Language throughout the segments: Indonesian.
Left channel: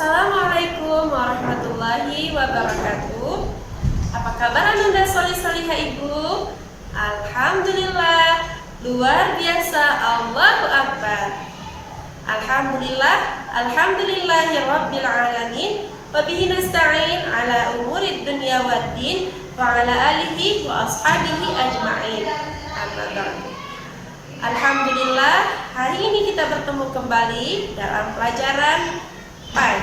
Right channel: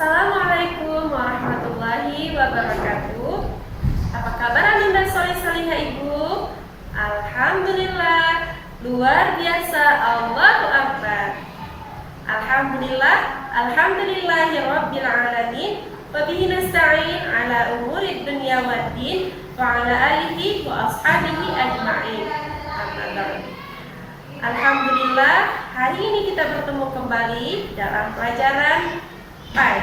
Assalamualaikum warahmatullahi wabarakatuh. Apa kabar Ananda solih-solihah Ibu? Alhamdulillah, luar biasa, Allahu Akbar. Alhamdulillah, alhamdulillahirabbil alamin. Wa bihi nasta'in ala umurid dunya waddin wa ala alihi wa ashabihi ajma'in. Amma ba'du. Alhamdulillah, hari ini kita bertemu kembali dalam pelajaran PAI.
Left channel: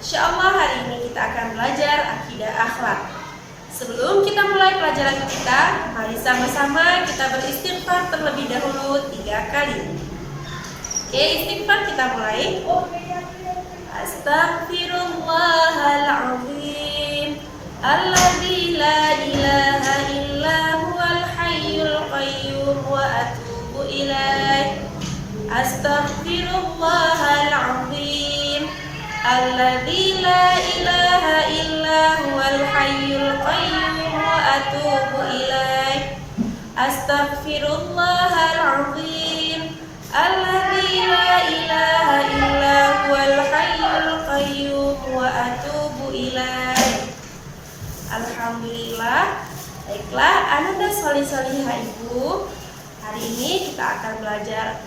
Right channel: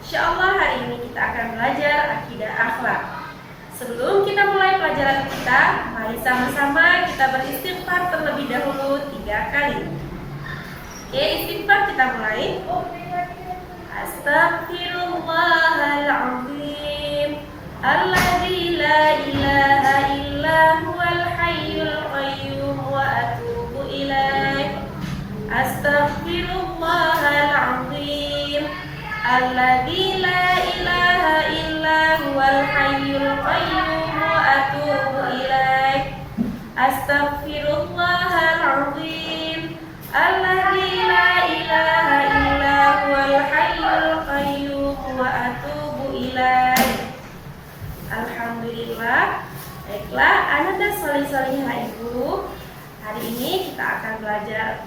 Insyaallah hari ini kita akan belajar akidah akhlak. Sebelum kita mulai pelajaran kita, mari sama-sama kita beristighfar terlebih dahulu 3 kali. Oke, istighfar kita mulai. Astaghfirullahaladzim alladzi la ilaha illa huwal hayyul qayyum wa atubu ilaih. Astaghfirullahaladzim alladzi la ilaha illa huwal hayyul qayyum wa atubu ilaih. Astaghfirullahaladzim alladzi la ilaha illa huwal hayyul qayyum wa atubu ilaih. Alhamdulillah. Baiklah, Ananda solih-solihah Ibu. Hari ini kita akan belajar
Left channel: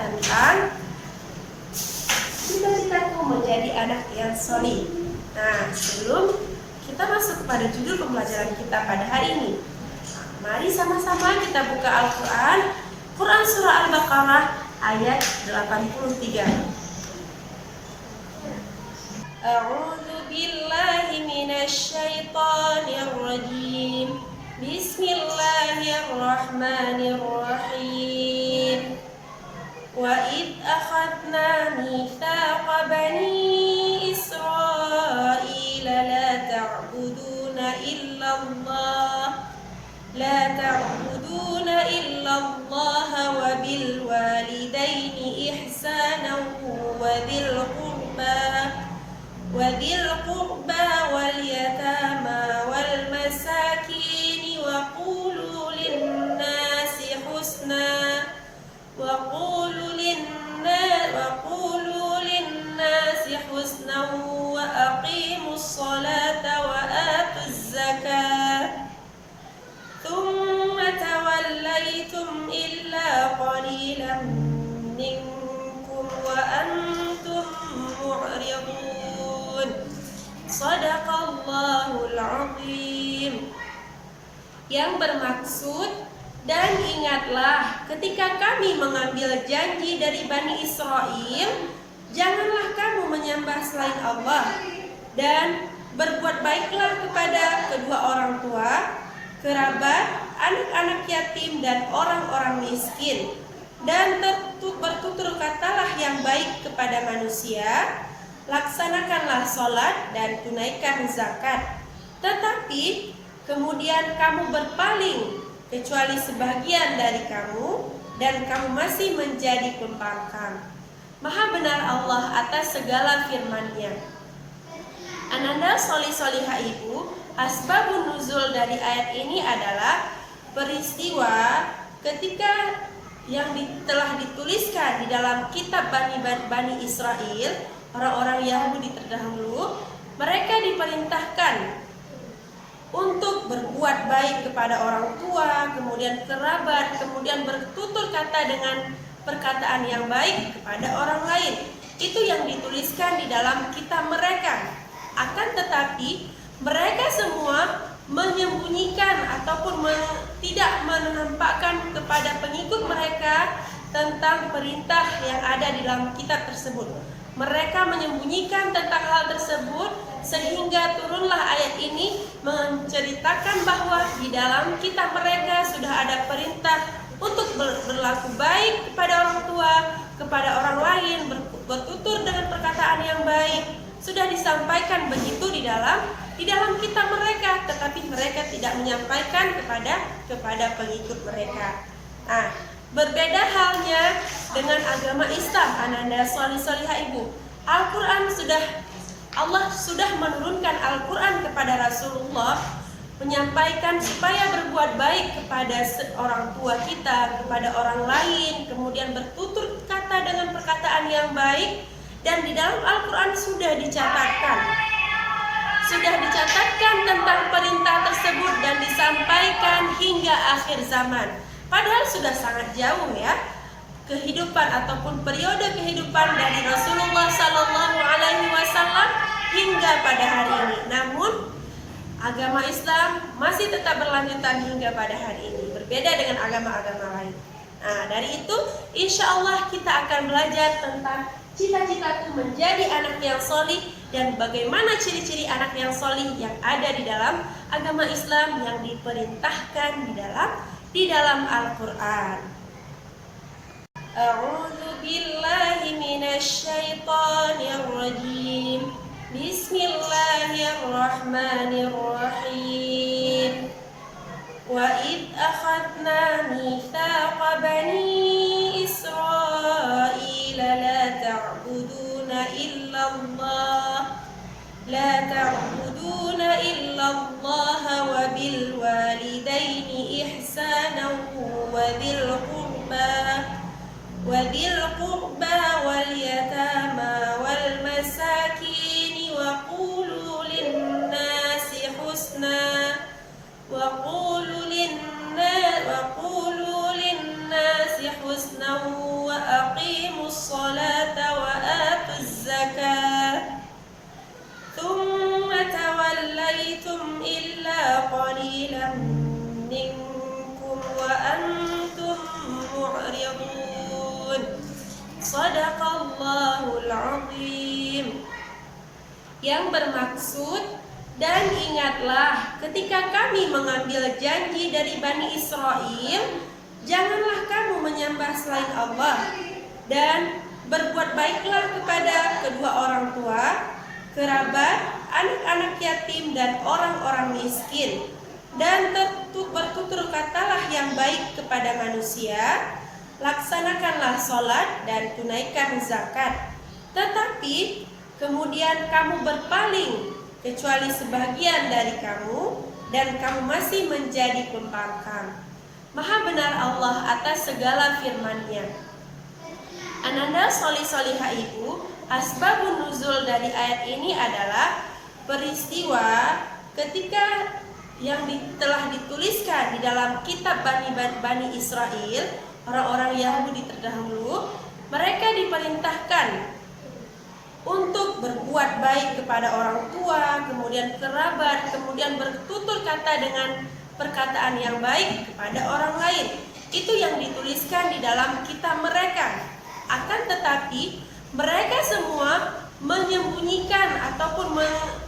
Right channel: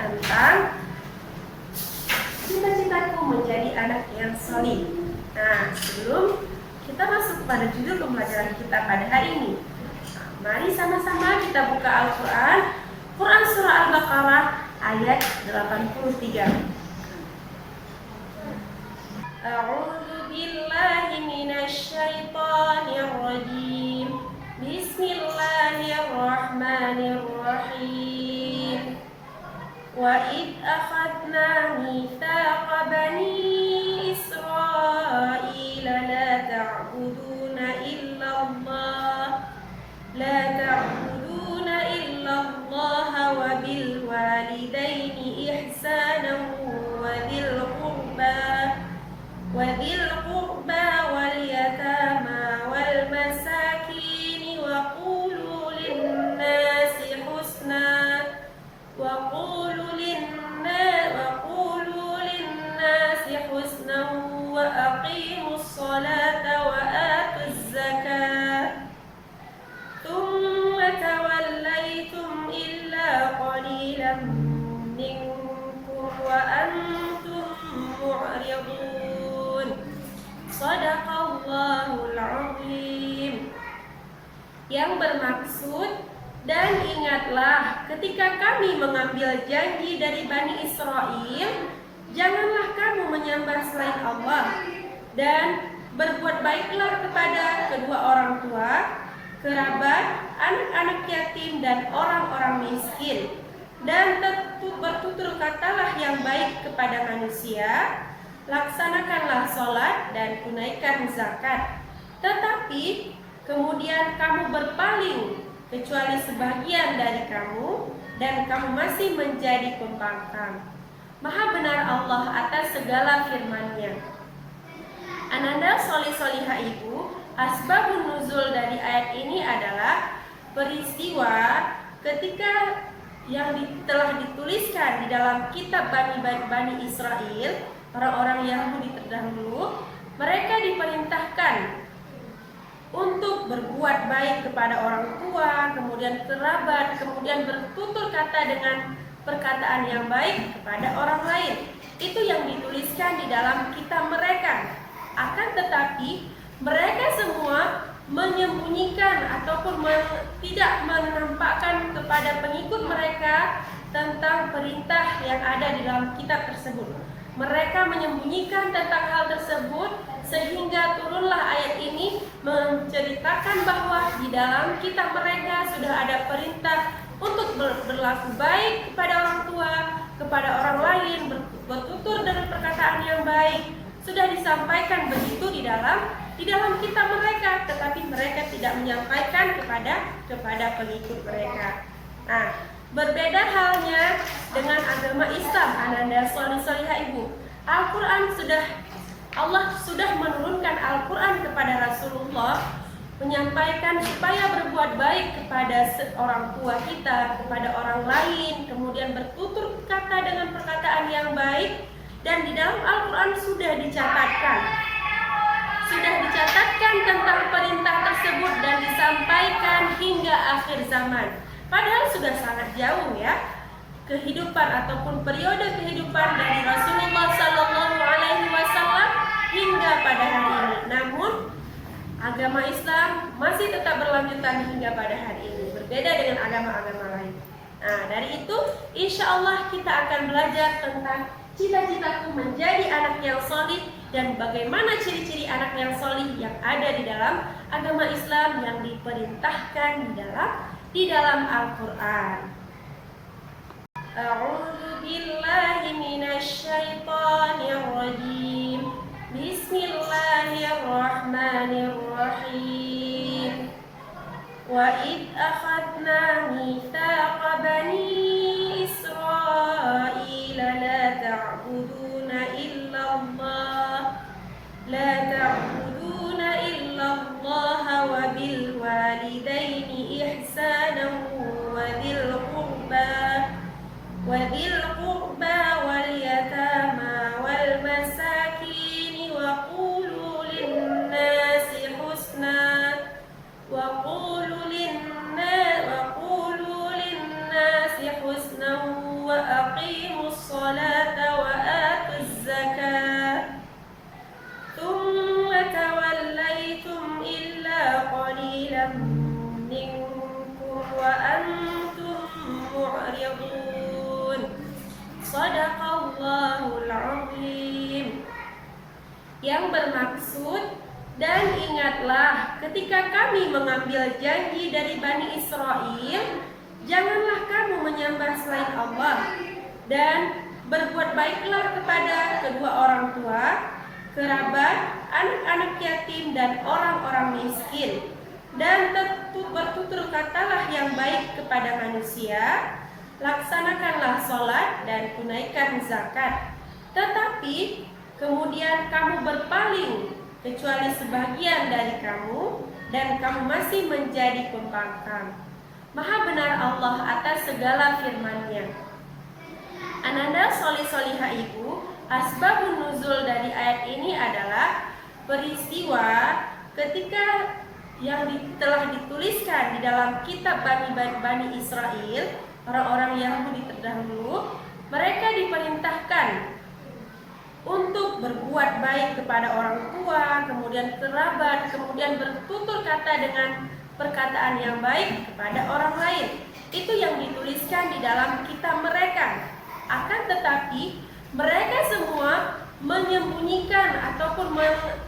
tentang cita-citaku menjadi anak yang solih. Nah, sebelum kita masuk kepada judul pembelajaran kita pada hari ini, mari sama-sama kita buka Al-Quran. Quran Surah Al-Baqarah ayat 83. A'udzu billahi minasy syaithanir rajim. Bismillahirrahmanirrahim. Wa id akhadna mitsaqa bani Israila la ta'buduna illallah wa bil walidaini ihsanan wa dhil qurba wal yatama wal masakin wa qulu lin-nasi husna wa aqimus salata wa atuz zakata thumma tawallaytum illa qalilan minkum wa antum mu'ridun. Shadaqallahul azim. Yang bermaksud, dan ingatlah ketika kami mengambil janji dari Bani Israel, janganlah kamu menyembah selain Allah, dan berbuat baiklah kepada kedua orang tua, kerabat, anak-anak yatim, dan orang-orang miskin, dan bertutur katalah yang baik kepada manusia, laksanakanlah sholat dan tunaikan zakat. Tetapi kemudian kamu berpaling kecuali sebagian dari kamu, dan kamu masih menjadi pembangkang. Maha benar Allah atas segala firman-Nya. Ananda solih-solihah Ibu, asbabun nuzul dari ayat ini adalah peristiwa ketika yang telah dituliskan di dalam kitab Bani Israel, orang-orang Yahudi terdahulu. Mereka diperintahkan untuk berbuat baik kepada orang tua, kemudian kerabat, kemudian bertutur kata dengan perkataan yang baik kepada orang lain. Itu yang dituliskan di dalam kitab mereka. Akan tetapi mereka semua menyembunyikan ataupun tidak menampakkan kepada pengikut mereka tentang perintah yang ada di dalam kitab tersebut. Mereka menyembunyikan tentang hal tersebut, sehingga turunlah ayat ini menceritakan bahwa di dalam kitab mereka sudah ada perintah untuk berlaku baik kepada orang tua, kepada orang lain, bertutur dengan perkataan yang baik. Sudah disampaikan begitu di dalam kitab mereka, tetapi mereka tidak menyampaikan kepada pengikut mereka. Nah, berbeda halnya dengan agama Islam, Ananda solih-solihah Ibu. Allah sudah menurunkan Al-Quran kepada Rasulullah, menyampaikan supaya berbuat baik kepada orang tua kita, kepada orang lain, kemudian bertutur kata dengan perkataan yang baik. Dan di dalam Al-Quran sudah dicatatkan tentang perintah tersebut dan disampaikan hingga akhir zaman. Padahal sudah sangat jauh ya kehidupan ataupun periode kehidupan dari Rasulullah SAW hingga pada hari ini. Namun agama Islam masih tetap berlanjutan hingga pada hari ini, berbeda dengan agama-agama lain. Nah, dari itu insya Allah kita akan belajar tentang cita-citaku menjadi anak yang solih dan bagaimana ciri-ciri anak yang solih yang ada di dalam agama Islam yang diperintahkan di dalam Al-Quran. A'udzu billahi minasy syaithanir rajim. Bismillahirrahmanirrahim. Wa id akhadna mitsaqa bani Israila la ta'buduna illallah wa bil walidaini ihsanan wa dhil qurba wal yatama wal masakin wa qulu lin-nasi husna wa aqimus salata wa atuz zakata thumma tawallaytum illa qalilan minkum wa antum mu'ridun. Shadaqallahul azim. Yang bermaksud, dan ingatlah ketika kami mengambil janji dari Bani Israel, janganlah kamu menyembah selain Allah, dan berbuat baiklah kepada kedua orang tua, kerabat, anak-anak yatim, dan orang-orang miskin. Dan bertutur katalah yang baik kepada manusia, laksanakanlah sholat dan tunaikan zakat. Tetapi kemudian kamu berpaling kecuali sebagian dari kamu, dan kamu masih menjadi pembangkang. Maha benar Allah atas segala firman-Nya. Ananda solih-solihah ibu, asbabun nuzul dari ayat ini adalah peristiwa ketika yang telah dituliskan di dalam kitab Bani Israel, orang-orang Yahudi terdahulu. Mereka diperintahkan untuk berbuat baik kepada orang tua, kemudian kerabat, kemudian bertutur kata dengan perkataan yang baik kepada orang lain. Itu yang dituliskan di dalam kitab mereka. Akan tetapi mereka semua menyembunyikan ataupun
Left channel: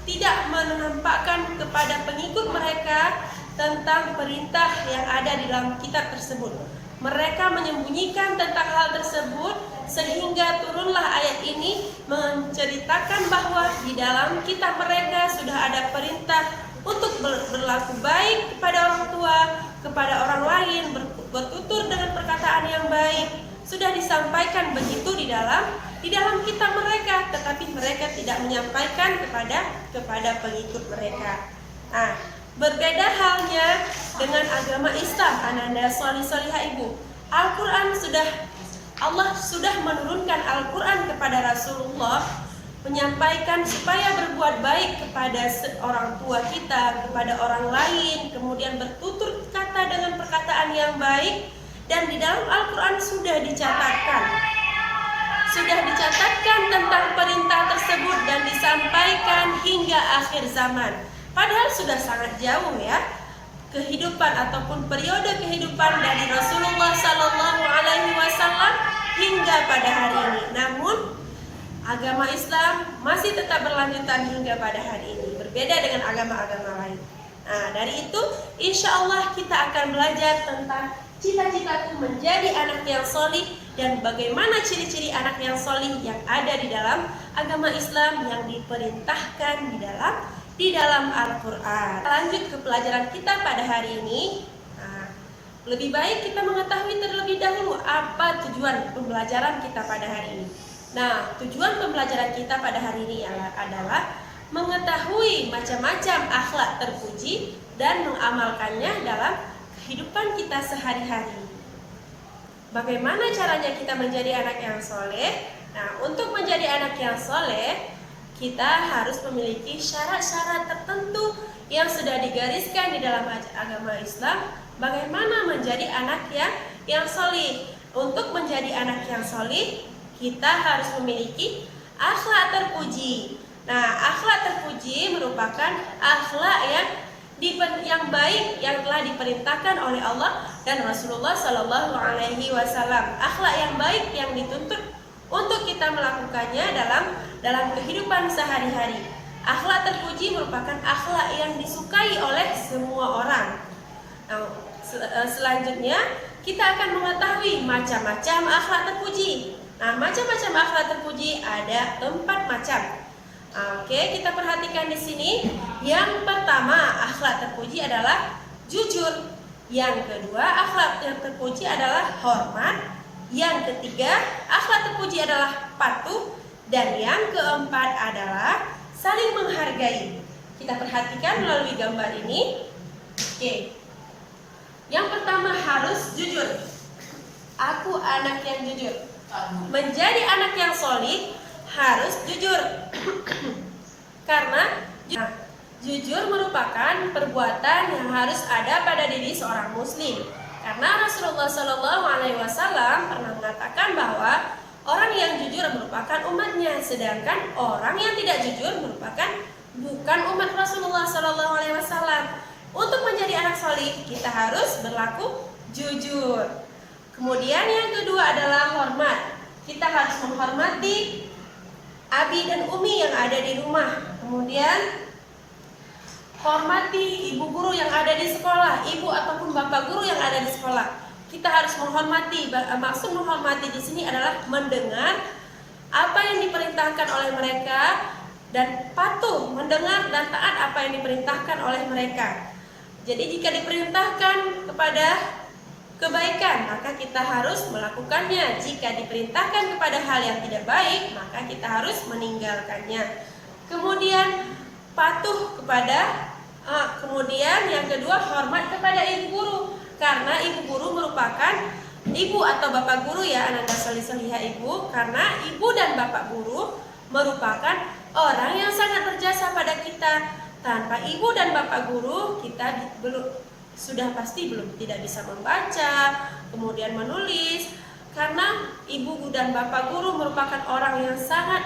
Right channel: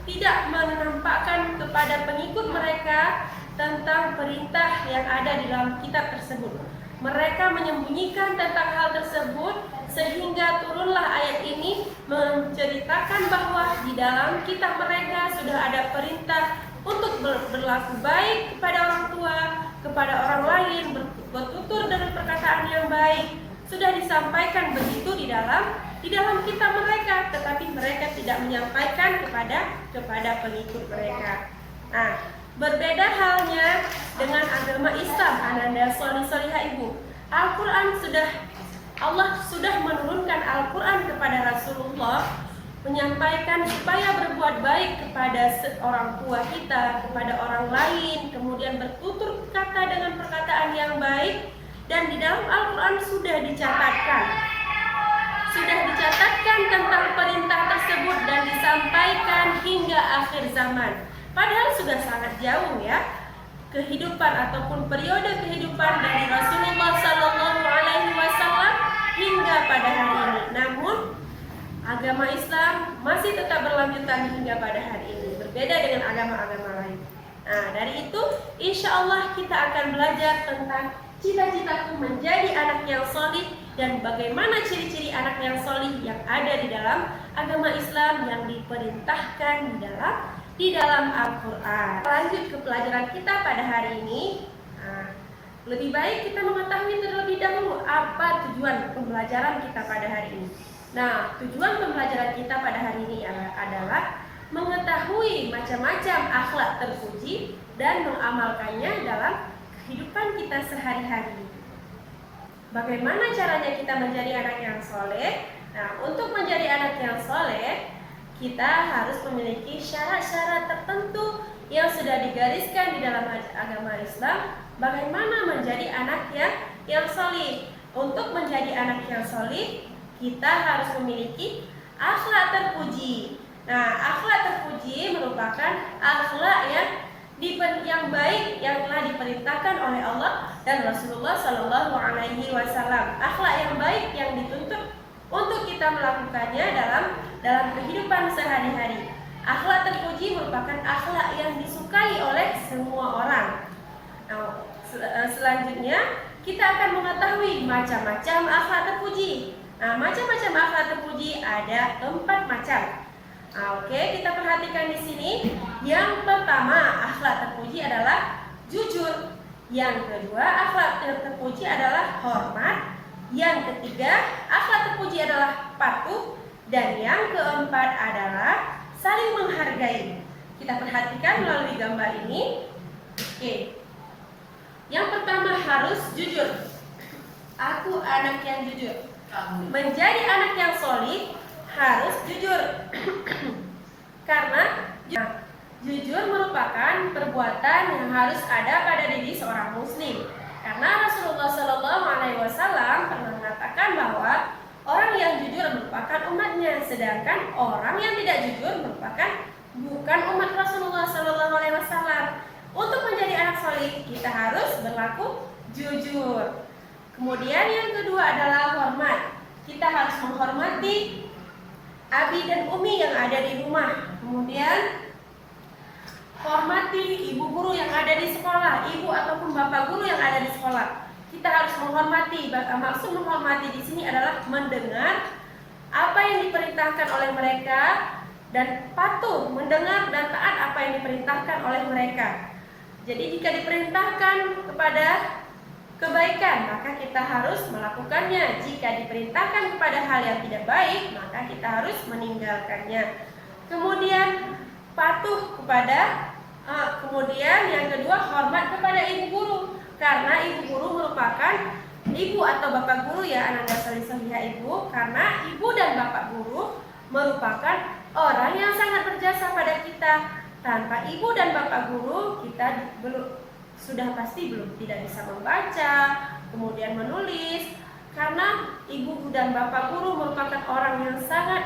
tidak menampakkan kepada pengikut mereka tentang perintah yang ada di dalam kitab tersebut. Mereka menyembunyikan tentang hal tersebut, sehingga turunlah ayat ini menceritakan bahwa di dalam kitab mereka sudah ada perintah untuk berlaku baik kepada orang tua, kepada orang lain, bertutur dengan perkataan yang baik. Sudah disampaikan begitu di dalam kitab mereka, tetapi mereka tidak menyampaikan kepada pengikut mereka. Nah, berbeda halnya dengan agama Islam, Ananda solih-solihah ibu. Allah sudah menurunkan Al-Quran kepada Rasulullah, menyampaikan supaya berbuat baik kepada orang tua kita, kepada orang lain, kemudian bertutur kata dengan perkataan yang baik. Dan di dalam Al-Quran sudah dicatatkan tentang perintah tersebut dan disampaikan hingga akhir zaman. Padahal sudah sangat jauh ya kehidupan ataupun periode kehidupan dari Rasulullah SAW hingga pada hari ini. Namun agama Islam masih tetap berlanjutan hingga pada hari ini, berbeda dengan agama-agama lain. Nah, dari itu insya Allah kita akan belajar tentang cita-citaku menjadi anak yang solih dan bagaimana ciri-ciri anak yang solih yang ada di dalam agama Islam yang diperintahkan di dalam Al-Quran. Lanjut ke pelajaran kita pada hari ini. Nah, lebih baik kita mengetahui terlebih dahulu apa tujuan pembelajaran kita pada hari ini. Nah, tujuan pembelajaran kita pada hari ini adalah mengetahui macam-macam akhlak terpuji dan mengamalkannya dalam kehidupan kita sehari-hari. Bagaimana caranya kita menjadi anak yang soleh? Nah, untuk menjadi anak yang soleh, kita harus memiliki syarat-syarat tertentu yang sudah digariskan di dalam agama Islam. Bagaimana menjadi anak yang soleh? Untuk menjadi anak yang soleh, kita harus memiliki akhlak terpuji. Nah, akhlak terpuji merupakan akhlak yang baik yang telah diperintahkan oleh Allah dan Rasulullah Shallallahu Alaihi Wasallam. Akhlak yang baik yang dituntut untuk kita melakukannya dalam kehidupan sehari-hari. Akhlak terpuji merupakan akhlak yang disukai oleh semua orang. Nah, selanjutnya kita akan mengetahui macam-macam akhlak terpuji. Nah, macam-macam akhlak terpuji ada 4 macam. Oke, kita perhatikan di sini. Yang pertama, akhlak terpuji adalah jujur. Yang kedua, akhlak terpuji adalah hormat. Yang ketiga, akhlak terpuji adalah patuh. Dan yang keempat adalah saling menghargai. Kita perhatikan melalui gambar ini. Oke. Yang pertama harus jujur. Aku anak yang jujur. Menjadi anak yang solid harus jujur. Karena jujur merupakan perbuatan yang harus ada pada diri seorang muslim. Karena Rasulullah Shallallahu Alaihi Wasallam pernah mengatakan bahwa orang yang jujur merupakan umatnya, sedangkan orang yang tidak jujur merupakan bukan umat Rasulullah Shallallahu Alaihi Wasallam. Untuk menjadi anak soleh, kita harus berlaku jujur. Kemudian yang kedua adalah hormat. Kita harus menghormati abi dan umi yang ada di rumah. Kemudian hormati ibu guru yang ada di sekolah, ibu ataupun bapak guru yang ada di sekolah. Kita harus menghormati. Maksud menghormati di sini adalah mendengar apa yang diperintahkan oleh mereka dan patuh mendengar dan taat apa yang diperintahkan oleh mereka. Jadi jika diperintahkan kepada kebaikan, maka kita harus melakukannya. Jika diperintahkan kepada hal yang tidak baik, maka kita harus meninggalkannya. Kemudian patuh kemudian yang kedua hormat kepada ibu guru, karena ibu guru merupakan ibu atau bapak guru ya, ananda solihah ibu, karena ibu dan bapak guru merupakan orang yang sangat berjasa pada kita. Tanpa ibu dan bapak guru kita sudah pasti tidak bisa membaca, kemudian menulis, karena ibu dan bapak guru merupakan orang yang sangat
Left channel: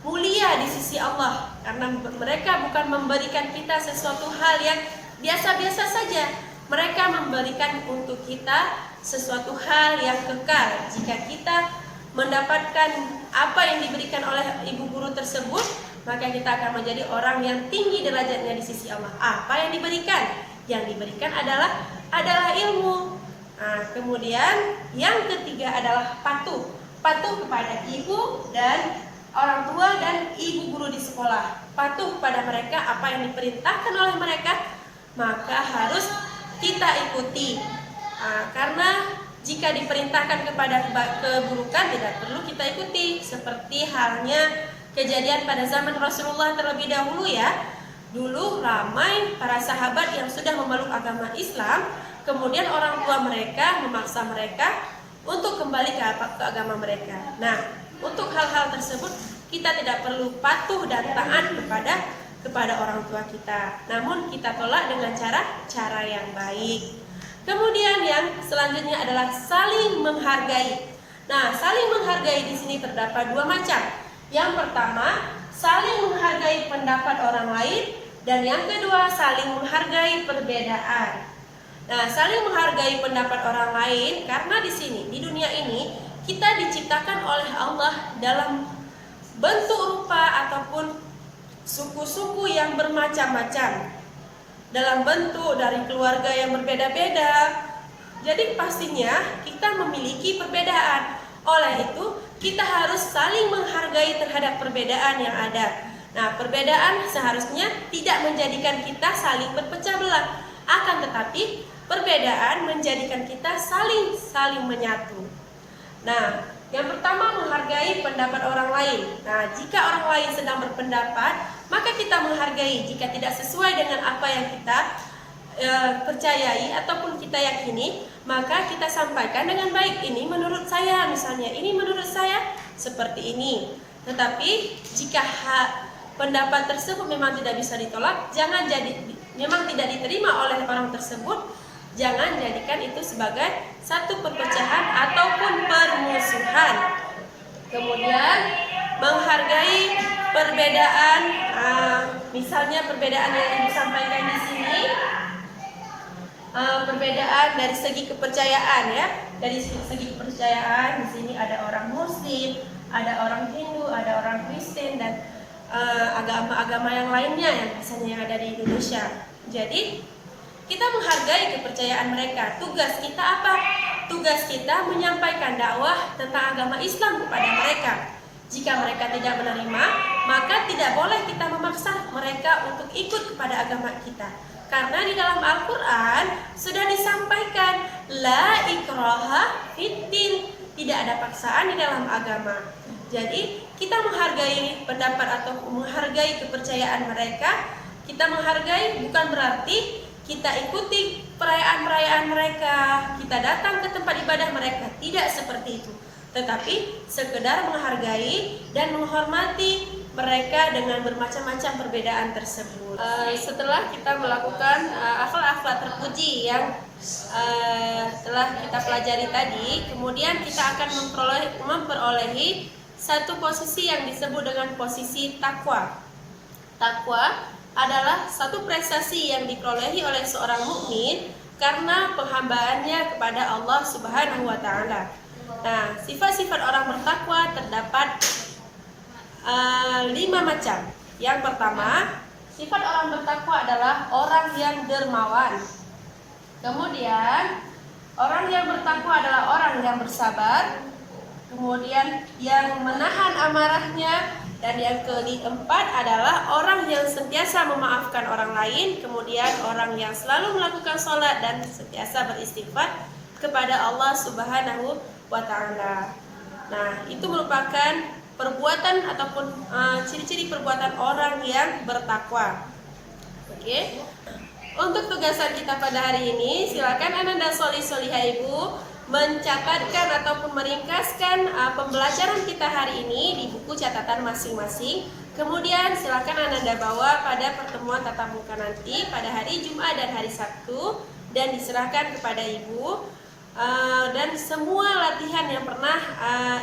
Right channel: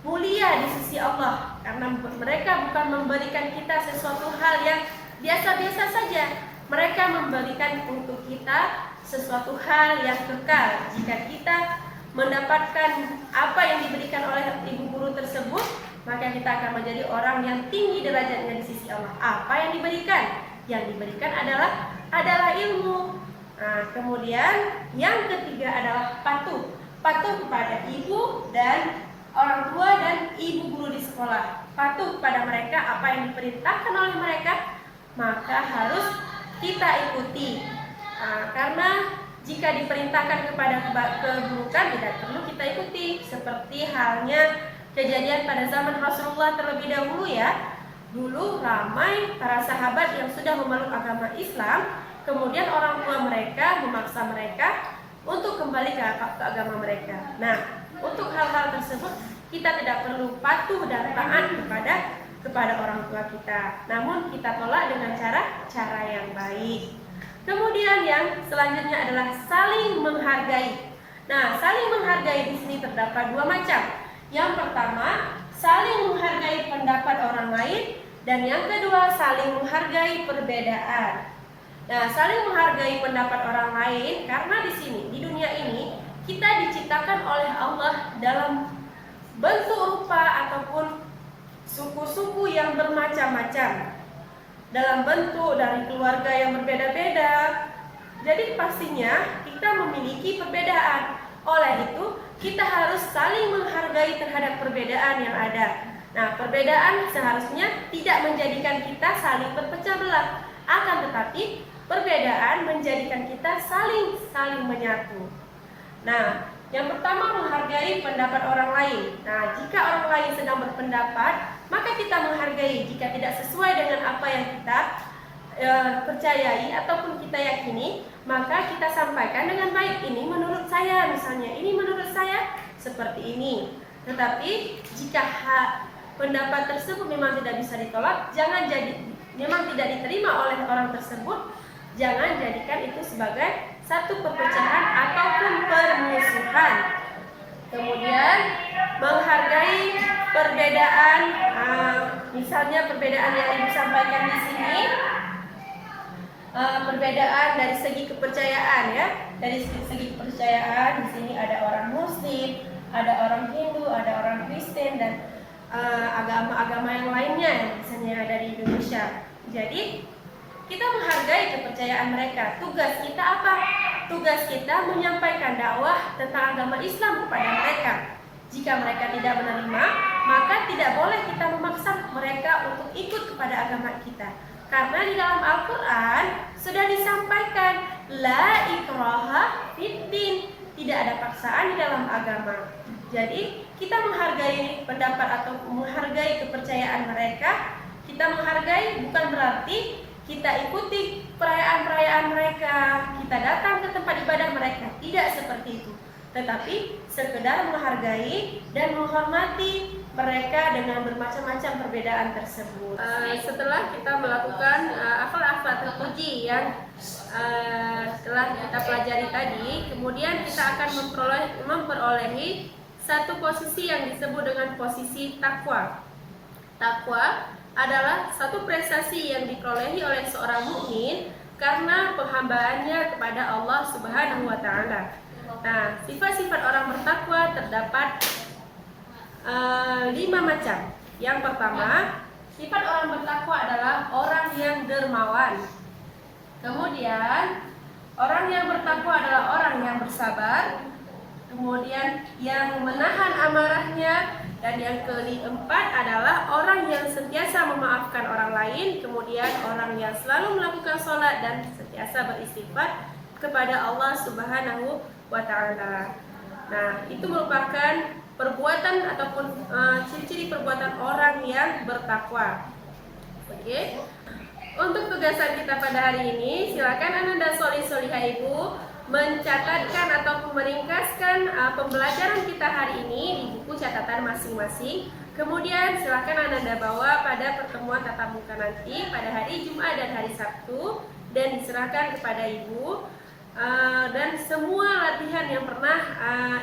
mulia di sisi Allah, karena mereka bukan memberikan kita sesuatu hal yang biasa-biasa saja. Mereka memberikan untuk kita sesuatu hal yang kekal. Jika kita mendapatkan apa yang diberikan oleh ibu guru tersebut, maka kita akan menjadi orang yang tinggi derajatnya di sisi Allah. Apa yang diberikan? Yang diberikan adalah ilmu. Nah, kemudian yang ketiga adalah patuh. Patuh kepada ibu dan orang tua dan ibu guru di sekolah. Patuh kepada mereka, apa yang diperintahkan oleh mereka maka harus kita ikuti. Karena jika diperintahkan kepada keburukan tidak perlu kita ikuti. Seperti halnya kejadian pada zaman Rasulullah terlebih dahulu ya. Dulu ramai para sahabat yang sudah memeluk agama Islam, kemudian orang tua mereka memaksa mereka untuk kembali ke agama mereka. Nah, untuk hal-hal tersebut kita tidak perlu patuh dan taat kepada orang tua kita. Namun kita tolak dengan cara yang baik. Kemudian yang selanjutnya adalah saling menghargai. Nah, saling menghargai di sini terdapat 2 macam. Yang pertama, saling menghargai pendapat orang lain, dan yang kedua, saling menghargai perbedaan. Nah, saling menghargai pendapat orang lain karena di sini di dunia ini kita diciptakan oleh Allah dalam bentuk rupa ataupun suku-suku yang bermacam-macam, dalam bentuk dari keluarga yang berbeda-beda. Jadi pastinya kita memiliki perbedaan. Oleh itu kita harus saling menghargai terhadap perbedaan yang ada. Nah, perbedaan seharusnya tidak menjadikan kita saling berpecah belah, akan tetapi perbedaan menjadikan kita saling menyatu. Nah, yang pertama menghargai pendapat orang lain. Nah, jika orang lain sedang berpendapat, maka kita menghargai. Jika tidak sesuai dengan apa yang kita percayai ataupun kita yakini, maka kita sampaikan dengan baik. Ini menurut saya, misalnya, ini menurut saya seperti ini. Tetapi jika pendapat tersebut memang tidak bisa ditolak, memang tidak diterima oleh orang tersebut, jangan jadikan itu sebagai satu perpecahan ataupun permusuhan. Kemudian menghargai perbedaan, misalnya perbedaan yang Ibu sampaikan di sini, perbedaan dari segi kepercayaan ya. Dari segi kepercayaan di sini ada orang Muslim, ada orang Hindu, ada orang Kristen dan agama-agama yang lainnya yang misalnya yang ada di Indonesia. Jadi kita menghargai kepercayaan mereka. Tugas kita apa? Tugas kita menyampaikan dakwah tentang agama Islam kepada mereka. Jika mereka tidak menerima, maka tidak boleh kita memaksa mereka untuk ikut kepada agama kita. Karena di dalam Al-Quran sudah disampaikan la ikraha fiddin, tidak ada paksaan di dalam agama. Jadi kita menghargai pendapat atau menghargai kepercayaan mereka. Kita menghargai bukan berarti kita ikuti perayaan-perayaan mereka, kita datang ke tempat ibadah mereka, tidak seperti itu. Tetapi sekedar menghargai dan menghormati mereka dengan bermacam-macam perbedaan tersebut. Setelah kita melakukan akhlak-akhlak terpuji yang telah kita pelajari tadi, kemudian kita akan memperolehi satu posisi yang disebut dengan posisi takwa. Takwa adalah satu prestasi yang diperolehi oleh seorang mukmin karena penghambaannya kepada Allah Subhanahu wa taala. Nah, sifat-sifat orang bertakwa terdapat 5 macam. Yang pertama, sifat orang bertakwa adalah orang yang dermawan. Kemudian, orang yang bertakwa adalah orang yang bersabar. Kemudian, yang menahan amarahnya. Dan yang keempat adalah orang yang sentiasa memaafkan orang lain. Kemudian, orang yang selalu melakukan sholat dan sentiasa beristighfar kepada Allah Subhanahu wa ta'ala. Nah, itu merupakan perbuatan ataupun ciri-ciri perbuatan orang yang bertakwa. Oke. Untuk tugasan kita pada hari ini, silakan Ananda Solihah Ibu mencatatkan ataupun meringkaskan pembelajaran kita hari ini di buku catatan masing-masing. Kemudian silakan Ananda bawa pada pertemuan tatap muka nanti pada hari Jumat dan hari Sabtu dan diserahkan kepada Ibu. Dan semua latihan yang pernah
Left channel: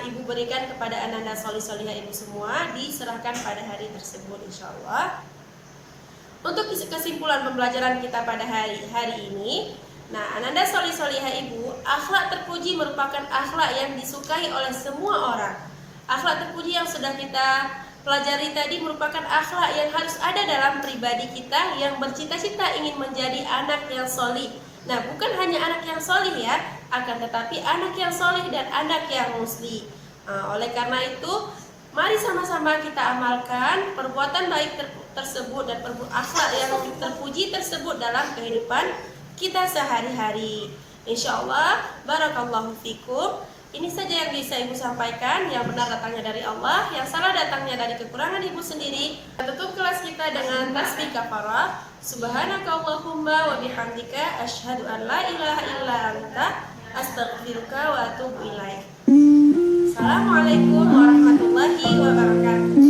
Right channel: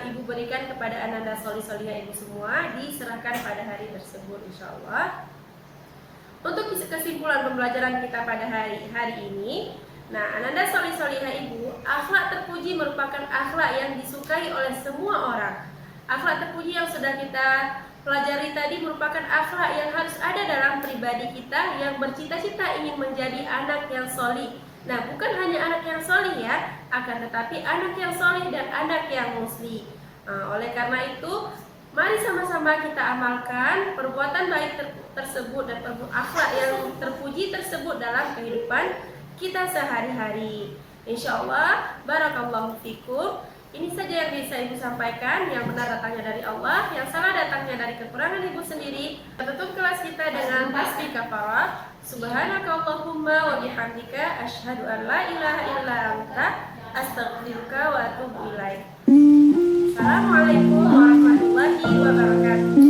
Ibu berikan kepada Ananda Solihah Ibu semua diserahkan pada hari tersebut, insya Allah. Untuk kesimpulan pembelajaran kita pada hari ini, nah, Ananda Solihah Ibu, akhlak terpuji merupakan akhlak yang disukai oleh semua orang. Akhlak terpuji yang sudah kita pelajari tadi merupakan akhlak yang harus ada dalam pribadi kita yang bercita-cita ingin menjadi anak yang solih. Nah, bukan hanya anak yang solih ya, akan tetapi anak yang solih dan anak yang musli. Oleh karena itu, mari sama-sama kita amalkan perbuatan baik tersebut dan akhlak yang terpuji tersebut dalam kehidupan kita sehari-hari. Insya Allah, barakallahu fikum. Ini saja yang bisa Ibu sampaikan. Yang benar datangnya dari Allah, yang salah datangnya dari kekurangan Ibu sendiri. Tutup kelas kita dengan tasbih kafarah. Subhanakallahumma wa bihamdika asyhadu an la ilaha illa anta astaghfiruka wa atubu ilaik. Assalamualaikum warahmatullahi wabarakatuh.